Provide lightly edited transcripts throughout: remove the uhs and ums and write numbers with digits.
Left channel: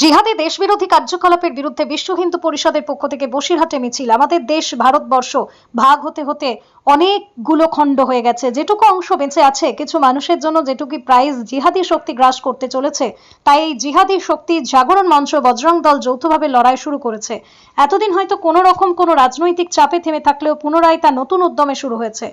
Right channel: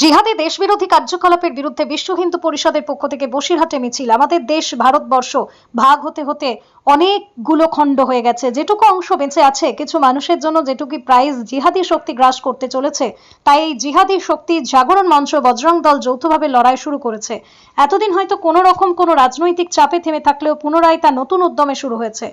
জিহাদি দেশবিরোধী কার্যকলাপের বিরুদ্ধে বিশ্ব হিন্দু পরিষদের পক্ষ থেকে বসিরহাটে মিছিল। আমাদের দেশ ভারতবর্ষ ভাগ হতে হতে অনেকগুলো খণ্ড হয়ে গেছে, যেটুকু অংশ বেঁচে আছে কিছু মানুষের জন্য, যেটুকু প্রাইজ জিহাদি শক্তি গ্রাস করতে চলেছে। তাই এই জিহাদি শক্তি জাগরণ মঞ্চ বজরং দল যৌথভাবে লড়াই শুরু করেছে। এতদিন হয়তো কোনো রকম কোনো রাজনৈতিক চাপে থেমে থাকলেও পুনরায় তা নতুন উদ্যমে শুরু হয়েছে।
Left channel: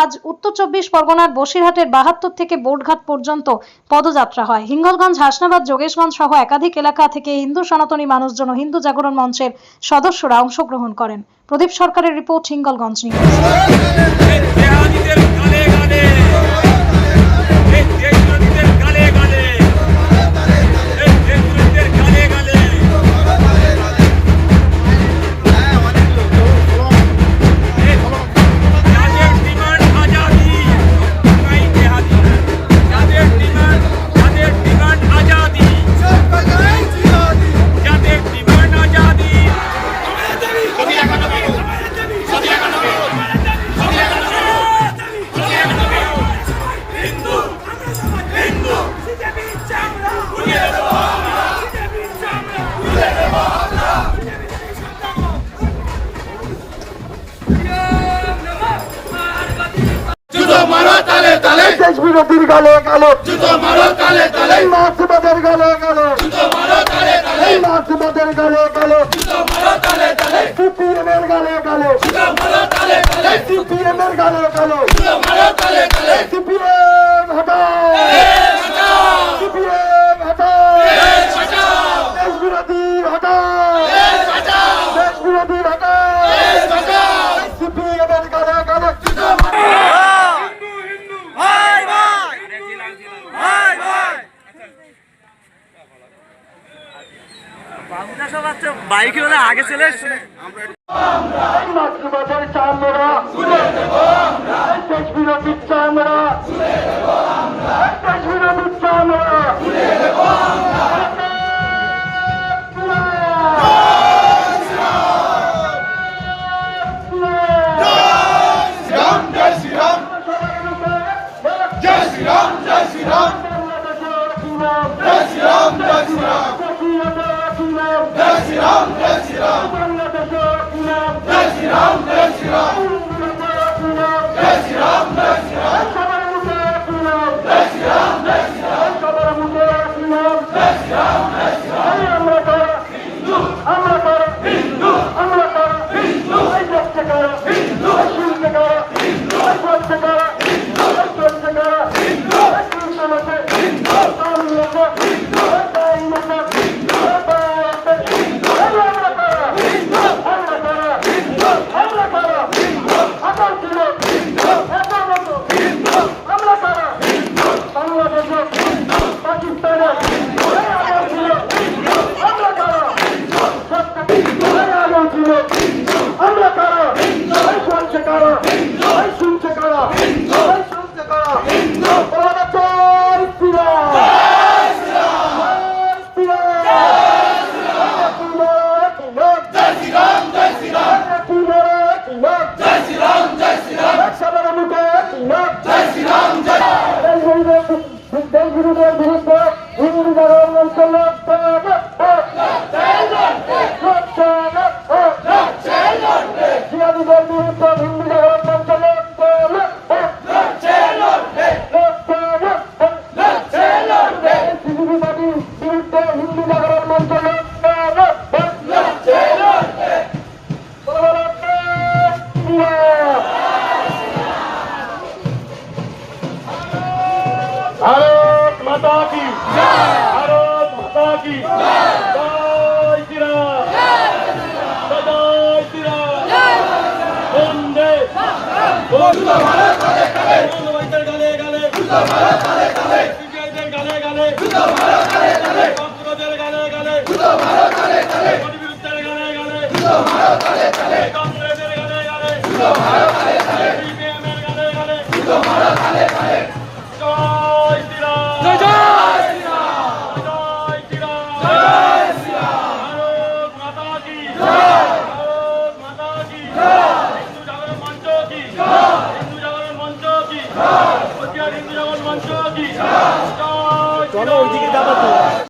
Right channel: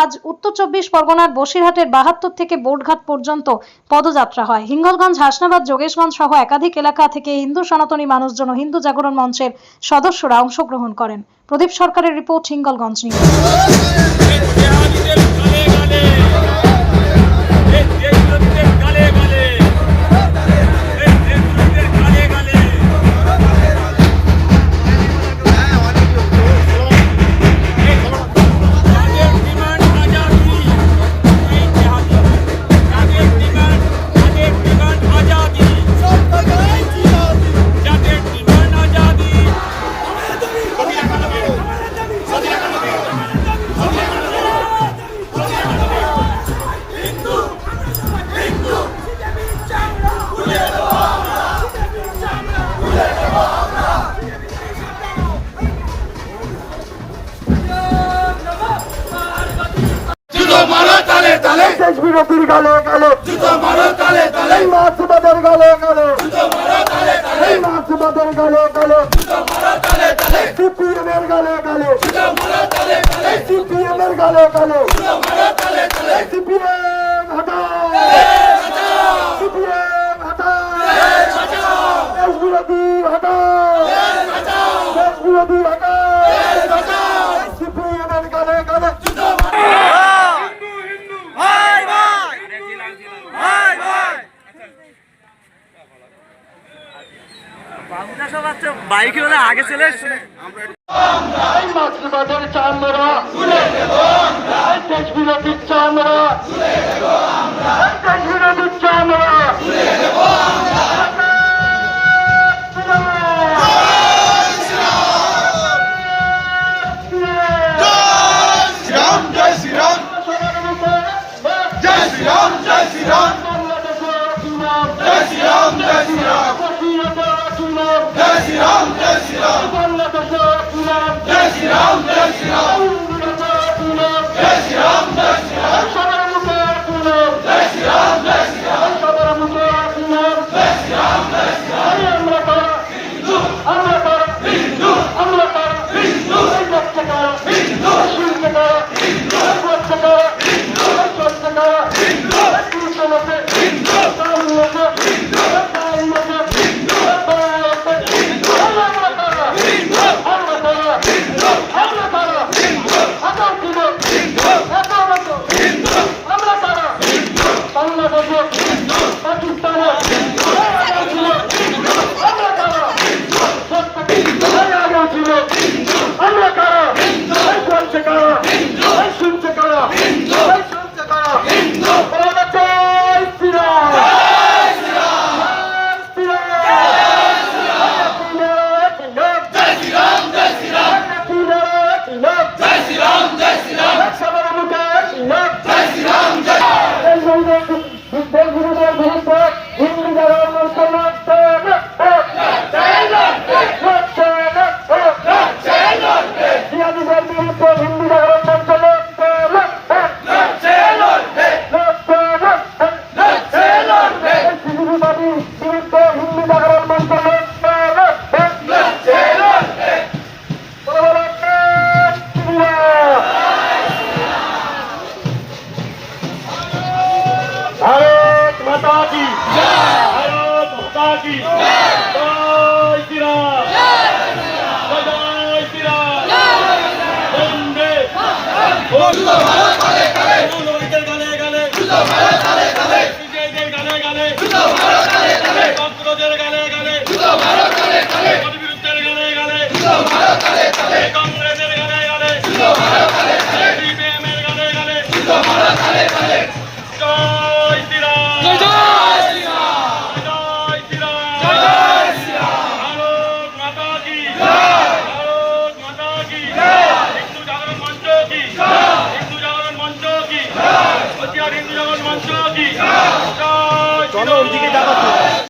আজ উত্তর 24 পরগনার বসিরহাটের 72 থেকে বোর্ডঘাট পর্যন্ত পদযাত্রা হয়। হিঙ্গলগঞ্জ, হাসনাবাদ, যোগেশগঞ্জ সহ একাধিক এলাকা থেকে হিন্দু সনাতনী মানুষজন ও হিন্দু জাগরণ মঞ্চের সদস্যরা অংশগ্রহণ করেন। প্রদীপ সরকারের রিপোর্ট, হিঙ্গলগঞ্জ নিউজ। দেশ বিরোধীর গালে গালে জুতো মারো তালে তালে, মার্ক্সবাদের গালে গালে জুতো মারো তালে তালে, মার্ক্সবাদের গালে গালে জুতো মারো তালে তালে, সিপিএম এর গালে গালে জুতো মারো তালে তালে, সিপিএম এর গালে গালে জুতো মারো তালে তালে, সিপিএম হটাও হটাও, সিপিএম হটাও হটাও, দেশ বিরোধী হটাও হটাও, দেশ বিরোধী হটাও হটাও, সিপিএম এর গালে গালে জুতো বাইকে হলে আগে চলে এসছে। মার্ক্সবাদের চামড়া দেশ বিরোধীর চামড়া, দেশ বিরোধীর চামড়া भारत माता की भारत माता की जय श्री राम जय श्री राम वंदे भारत काले काले गाले गाले भारत काले काले विजयदेव गाले गाले भारत काले काले पत्रदेव गाले गाले भारत काले काले विरुद्धेर गाले गाले भारत काले काले कांग्रेसेर गाले गाले भारत काले काले सीपीएम एर गाले गाले भारत काले काले जय जय চলো ওইদিকে যাবো।